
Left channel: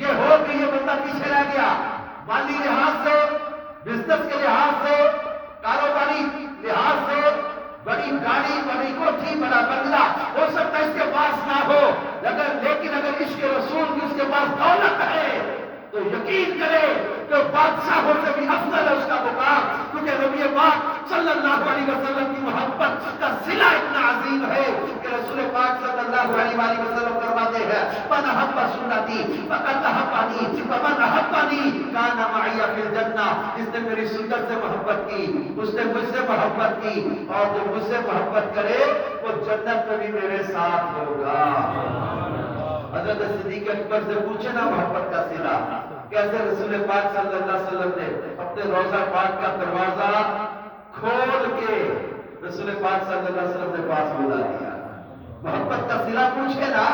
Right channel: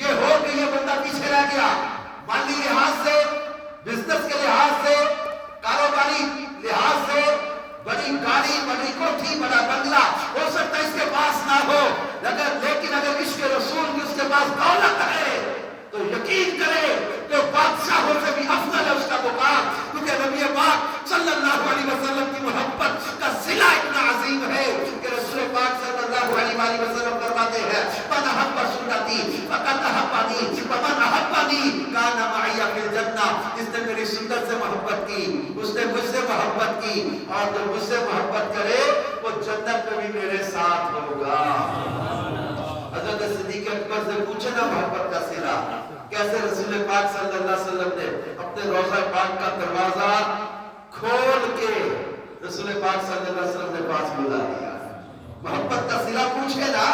یہ ہو کہ یہ بندہ پیچھے رہ گیا, مالی لحاظ سے, بزنس کے لحاظ سے, کاروباری لحاظ سے, بڑی گاڑی, بڑی کوٹھی, بڑا بنگلہ ہو سکتا ہے اس کے پاس نہ ہو, لیکن اگر عشق رسول کی اس کے پاس دولت ہے تو یقین کرے کہ بادشاہوں سے بھی افضل ہے اس کا مقام, کیونکہ نبی پاک صلی اللہ علیہ وسلم کی محبت کا صلہ اتنا عظیم ہے کہ رسول پاک صلی اللہ علیہ وسلم فرماتے ہیں من احب سنتی فقد احبنی ومن احبنی کان معی فی الجنہ. جس نے میری سنت سے محبت کی اس نے مجھ سے محبت کی, اور جو مجھ سے محبت کرے وہ جنت میں بھی میرے ساتھ ہوگا. حضرت صدیق اکبر سے پوچھے نا محبت کا صلہ کیسے رسول پاک صلی اللہ علیہ وسلم نے اپنے روضہ پاک کا دروازہ کھول کے رسول پاک صلی اللہ علیہ وسلم نے پاس بلا دیا. محبت کا صلہ پوچھے نا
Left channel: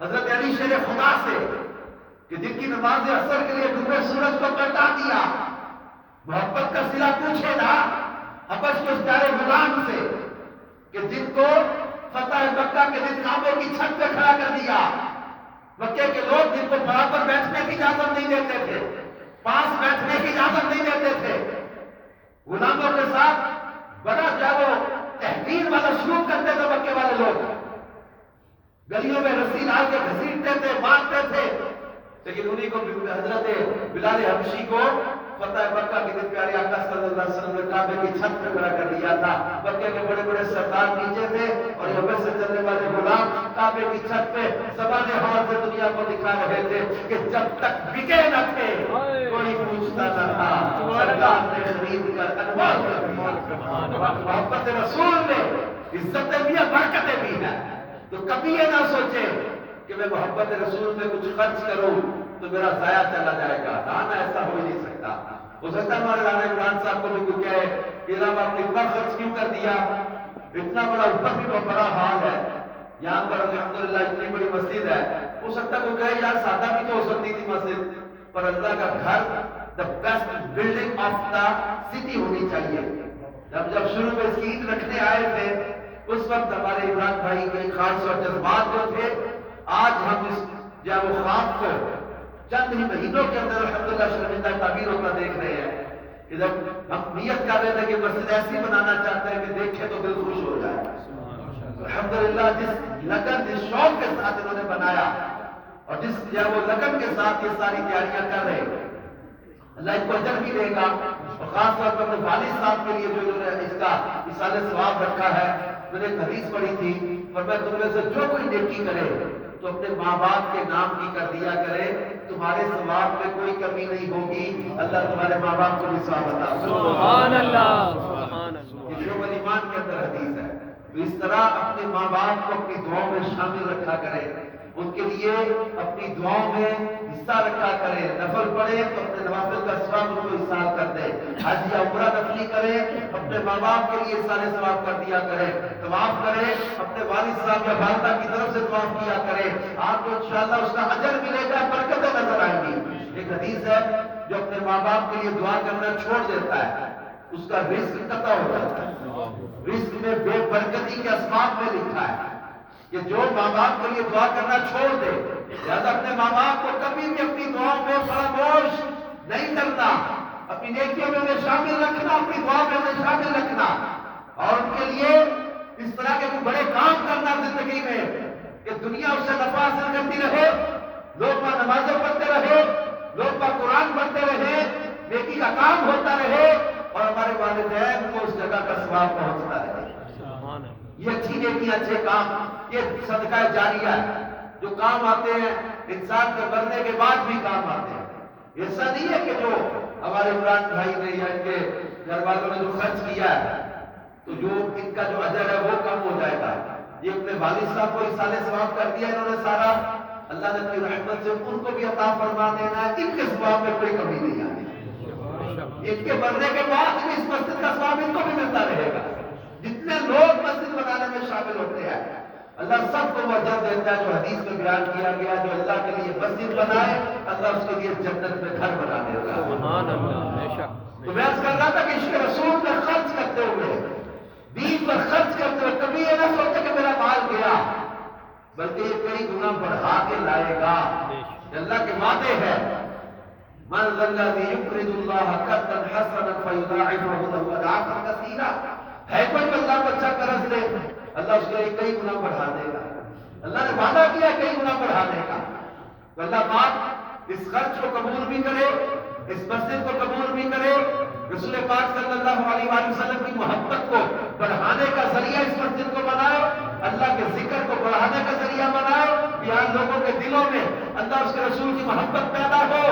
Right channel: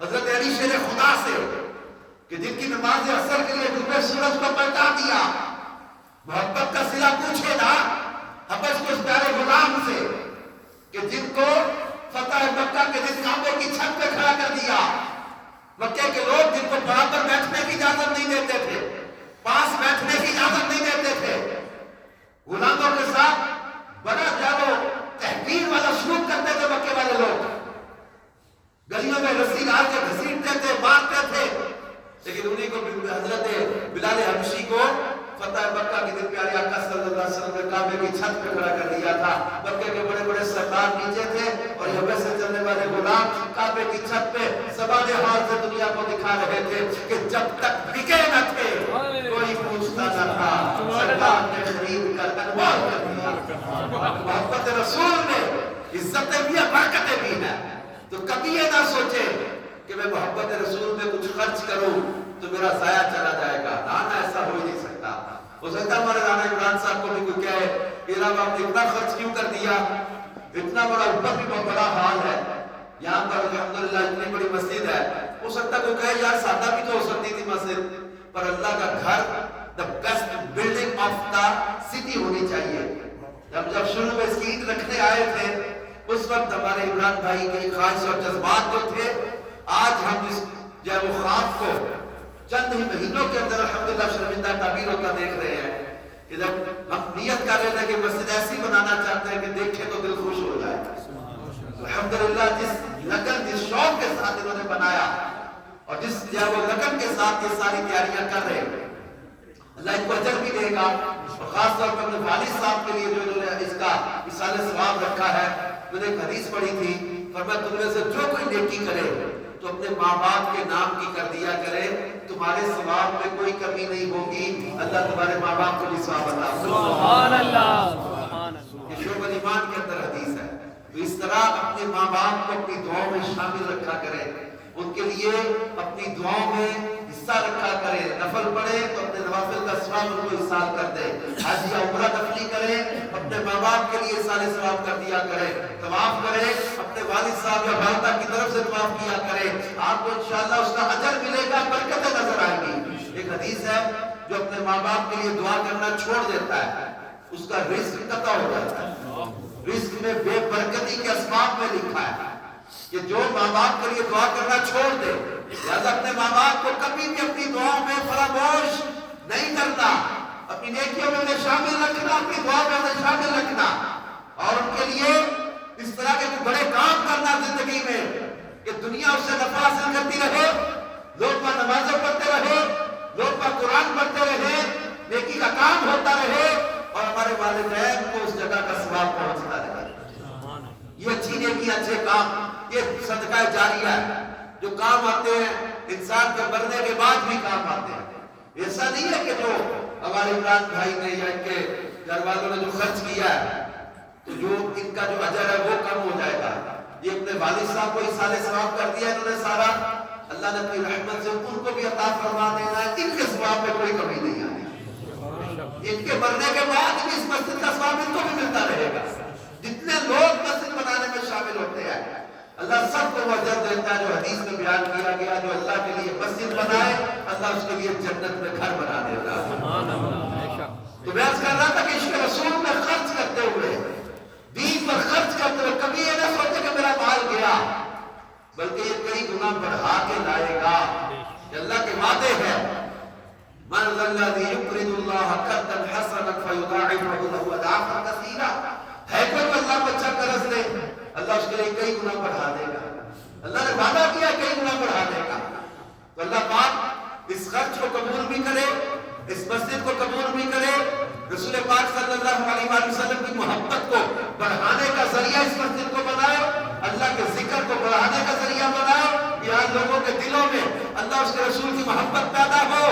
حضرت علی شیر خدا سے کہ جن کی نماز عصر کے لیے ڈوبے سورج کو پلٹا دیا, محبت کا صلہ پوچھے نا حبش کے اس پیارے غلام سے کہ جن کو فتح مکہ کے دن کعبے کی چھت پہ کھڑا کر دیا, مکے کے لوگ جن کو برابر بیٹھنے کی اجازت نہیں دیتے تھے, پاس بیٹھنے کی اجازت نہیں دیتے تھے, غلاموں کے ساتھ بڑا جانو تحقیر والا سلوک کرتے تھے مکے والے لوگ، گلیوں میں رسی ڈال کے گھسیٹتے تھے، مارتے تھے، لیکن انہی کو حضرت بلال حبشی کو فتح مکہ کے دن پیارے آقا صلی اللہ علیہ وسلم نے کعبے کی چھت پہ کھڑا کر دیا تھا۔ مکے کے بڑے بڑے سردار نیچے تھے اور یہاں سے چلنے والے غلام کعبے کی چھت پہ زبان حال سے دنیا کو دکھا رہے تھے کہ جب تک بکے نہ تھے کوئی پوچھتا نہ تھا، سردار نے خرید کر انمول کر دیا۔ محبت رسول میں عزتیں بھی ہیں، برکتیں بھی ہیں، تو کبھی یہ نہ سوچے کہ میں محبت رسول میں کچھ خرچ کروں تو میرا ضائع چلا جائے گا، نہ ایسا ہو ہی نہیں سکتا۔ ہو سکتا ہے ہمارے رانا عمران صاحب کو بھی کوئی کہے کہ جناب آپ نے اتنا خرچ کیوں کر دیا، اتنا بڑا اوپر بھی بہت بڑا حال ہے، یہاں پر الحمدللہ اتنی بڑی مسجد ہے، ہو سکتا کوئی کہے یار سادہ بھی تو ہو سکتی تھی مسجد، پر اللہ کا گھر the best building of the city ہونی چاہیے۔ جب شروع میں اس کی عید رکھنے آئے تھے اس وقت ہمارے عمران بھائی کے خواہش اور جذبات جو تھے، آج ہم اس جب وہ خواب کو چند ہی مہینوں کے اندر الحمدللہ شرمندہ تعبیروں کا دیکھ رہے ہیں کہ جب ہم نیت کر رہے تھے کہ مسجد ایسی بنانا چاہتے ہیں کہ دیکھیں تو دل خوش ہو جائے۔ الحمدللہ جس لگن جس شوق کے ساتھ انہوں نے بنایا اور جس وہ لگن کے ساتھ یہ ساری تیاریاں کر رہے ہیں، اللہ ان کو اجر بھی دے گا۔ اور خاص طور پر اپنے والد صاحب کے لیے جو انہوں نے اس کا اصال ثواب رکھا ہے، میں نے ایک حدیث پڑھی تھی، فرمایا تم میں سے جو کوئی نیکی کرے تو اپنے ماں باپ کے نام کی کر دیا کرے، تمہارے ثواب میں کوئی کمی نہیں ہوگی، اللہ تمہارے ماں باپ کو بھی ثواب عطا فرمائے۔ سبحان اللہ، یہ شعب الایمان کے اندر حدیث ہے۔ تو اس طرح اپنے ماں باپ کو اپنی دعاؤں میں شامل رکھا کرے، ان کے لیے اپنی دعاؤں میں حصہ رکھا کرے، نفل پڑھے تو اپنے نوافل کا ثواب ان کو احسان کر دے، حج یا عمرہ نفلی کرے اپنے ماں باپ کے لیے احسان ثواب کر دیا کرے، طواف کرے اپنے والد صاحب یا والدہ کی طرف سے طواف کیا کرے، آپ کو انشاءاللہ اس کا اجر ملے گا، برکتیں نظر آئیں گی۔ ایک حدیث ہے جو اپنے ماں باپ کے لیے دعا کرنا چھوڑ دیتا ہے اس کا رزق قطع ہو جاتا ہے۔ رزق میں بے برکتی کے اسباب میں لکھا ہے کہ جو ماں باپ کے لیے دعا کرنا چھوڑ دے، لہذا اپنے ماں باپ کو کبھی بھی اپنی دعاؤں میں فراموش نہیں کرنا، اپنی نیکیوں میں انہیں شامل رکھنا، اپنی دعا میں انہیں شامل رکھنا، اور ان کے لیے اس طرح کے بڑے کام کرنا زندگی میں کہ دنیا اس سے نفع حاصل کرتی رہے، لوگ وہاں نمازیں پڑھتے رہے، لوگ وہاں قرآن پڑھتے رہے، نیکی کا کام ہوتا رہے اور ہمارے والدین کو اس جگہ کا ثواب پہنچتا رہے۔ یہ اچھی نیکی، اچھے کام، یہ صدقہ جاریہ ہے جو کام آتے ہیں، انسان کے مرنے کے بعد بھی کام آتے ہیں۔ ایسا نہیں ہے کہ جو ہمارے عمران بھائی نے یا ان کے گھر والوں نے جو خرچ کیا ہے تو جو ان کا جو اجر ہے وہ کم ہو جائے گا۔ یہ اپنے والد صاحب کو احسان ثواب کر دیا انہوں نے سارا، اللہ نے اپنی رحمت سے ان کو بھی عطا فرما دینا، ان کے ثواب میں کوئی کمی نہیں آنی۔ ان کے مرنے کے بعد بھی اس مسجد کا ثواب ان کو بھی ملتا رہے گا۔ جتنے لوگ مسجد بنانے میں شامل ہوتے ہیں اللہ سب کو وہ اجر دیتا ہے جو حدیث میں بیان کیا گیا، جو اللہ کے لیے مسجد بنائے اللہ اس کے لیے جنت میں گھر بنا دیتا ہے۔ تو میں عرض کر رہا تھا کہ عشق رسول میں خرچ کرتے ہوئے، دین پر خرچ کرتے ہوئے کبھی یہ نہ سوچے کہ میرا مال گیا، بلکہ یہ کئی گنا بڑھا کے لائے گا۔ اللہ کے وعدے ہیں من ذا الذی یقرض اللہ قرضا حسنا فیضاعفہ لہ اضعافا کثیرا، ہے کوئی جو اللہ کو اچھا قرض دے اللہ اس کے لیے کئی گنا بڑھا دے گا، اللہ نے وعدہ کیا کئی گنا بڑھا دے گا۔ تو اللہ پاک اس خرچ کو قبول بھی کرے، اس مسجد کو قبول بھی کرے، رسول پاک صلی اللہ علیہ وآلہ وسلم کی محبت کو بڑھانے کا ذریعہ اس مسجد کو بنائے، اللہ کے ذکر کو بڑھانے کا ذریعہ بنائے، یہاں لوگوں کے دلوں میں اللہ اس کے رسول کی محبت پیدا ہو،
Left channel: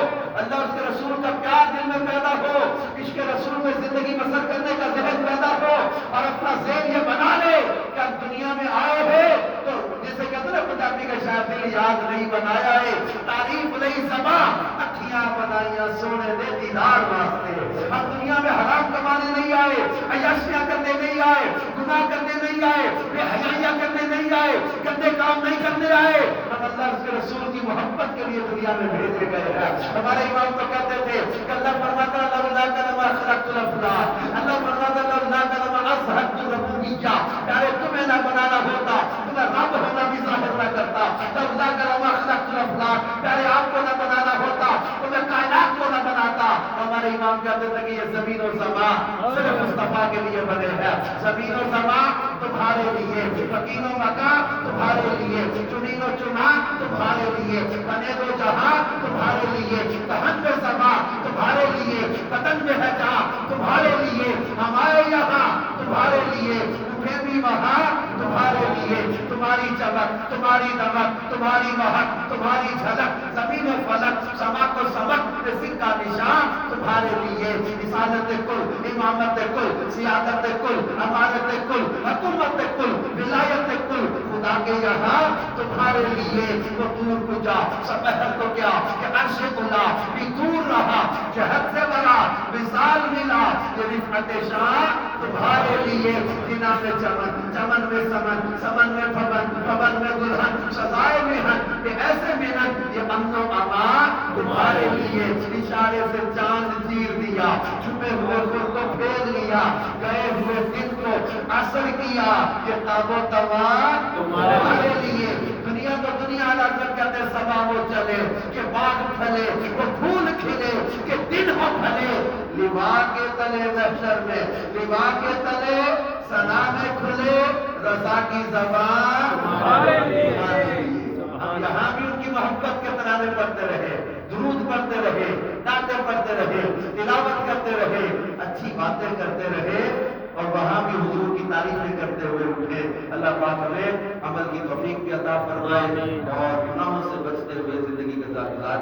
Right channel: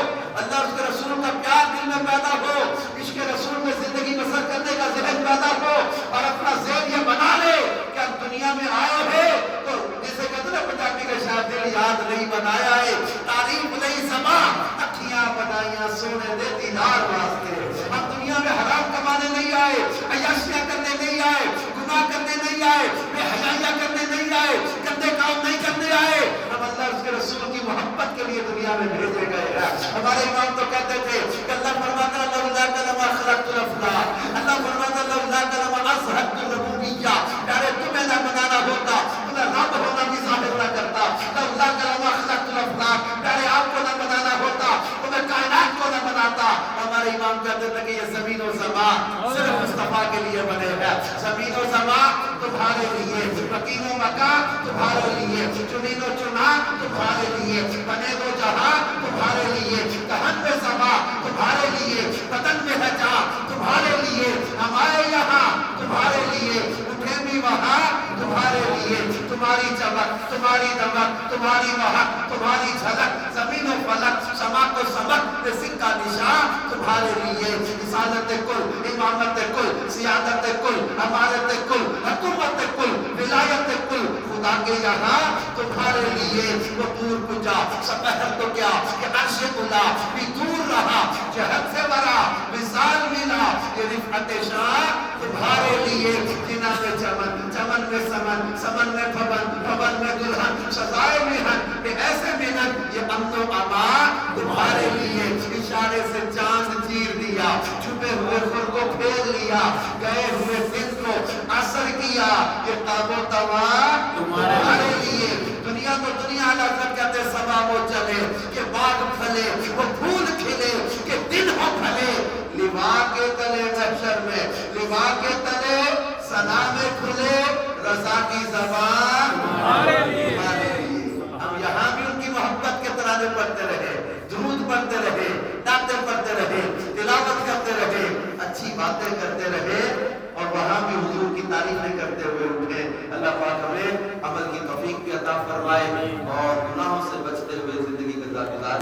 اللہ اس کے رسول کا پیار دل میں پیدا ہو، عشق رسول میں زندگی بسر کرنے کا ذہن پیدا ہو، اور اپنا ذہن یہ بنا لے کہ ہم دنیا میں آئے ہیں تو جسے کہتے ہیں پنجابی کا شاید دل یاد نہیں بنایا ہے، تعریف نہیں زبان اکھیاں بنائیاں سونے دے دیدار واسطے، ہم دنیا میں حرام کمانے نہیں آئے، عیاشیاں کرنے نہیں آئے، گناہ کرنے نہیں آئے، بے حیائیاں کرنے نہیں آئے، گندے کام نہیں کرنے آئے، ہم اللہ اس کے رسول کی محبت کے لیے دنیا میں بھیجے گئے ہیں۔ ہمارے امام تو کہتے تھے کہ اللہ فرماتا ہے لولا کلمہ خلقت الافلاک، اللہ فرماتا ہے لولا کلمہ اظہرت الربوبیہ، پیارے تمہیں نہ بنانا ہوتا تمہیں رب ہونا بھی ظاہر نہ کرتا، لولا کلمہ خلقت الافلاک، پیارے آپ کو نہ بنانا ہوتا تمہیں کائنات کو نہ بناتا۔ ہمارے امام کہتے تھے کہ یہ زمین و زمان صرف مصطفیٰ کے لیے بنے ہیں. زمین و زمان تمہارے لیے, مکین و مکان تمہارے لیے, چنین و چنان تمہارے لیے, بنے دو جہاں تمہارے لیے, دہن میں زمان تمہارے لیے, بدن میں ہے جان تمہارے لیے, ہم آئے یہاں تمہارے لیے, اٹھے بھی وہاں تمہارے لیے. تمہاری چمک, تمہاری دمک, تمہاری مہک, تمہاری جھلک, زمین و فلک, سما کو سمک, رزق کا نشان تمہارے لیے. رسالت کل, امامت کل, سیادت کل, امارت کل, حکومت کل, ولایت کل خدا کے یہاں تمہارے لیے. وہ دور کجا سپہر تو کیا کہ عرش اولا بھی دور رہا, جہت سے برا وصال ملا, یہ رفعت شان تمہارے لیے. جنا میں چمن, چمن میں سمن, سمن میں بھون, بھون میں دلہن, سزائے مہن, یہ ایسے محنت, یہ امن و امان تمہارے لیے. اشارے سے چاند چیر دیا, چھپے ہوئے خود کو پھیر لیا, گئے ہوئے دن کو اثر کیا, یہ تاب و توان تمہارے لیے. دنیا تو دنیا لازم کہتے سبا وہ چلے, کہ باغ پھلے, وہ پھول کھلے, کہ دن ہو بھلے. لوا کے تلے محشر میں, لوا کے تلے ثنا میں کھلے, رضا کی زبان تمہارے لیے. ہم یہاں بھی ان کی محبت کے ترانے پڑھتے رہے, درود پڑھتے رہے, نعتیں پڑھتے رہے, تلاوت کرتے رہے, اچھی باتیں کرتے رہے, اور وہاں بھی حضور کی تعریفیں کرتے ہوئے اٹھے. اللہ پاک ہمیں عمل کی توفیق بھی عطا فرمائے اور گناہوں سے بچتے ہوئے زندگی گزار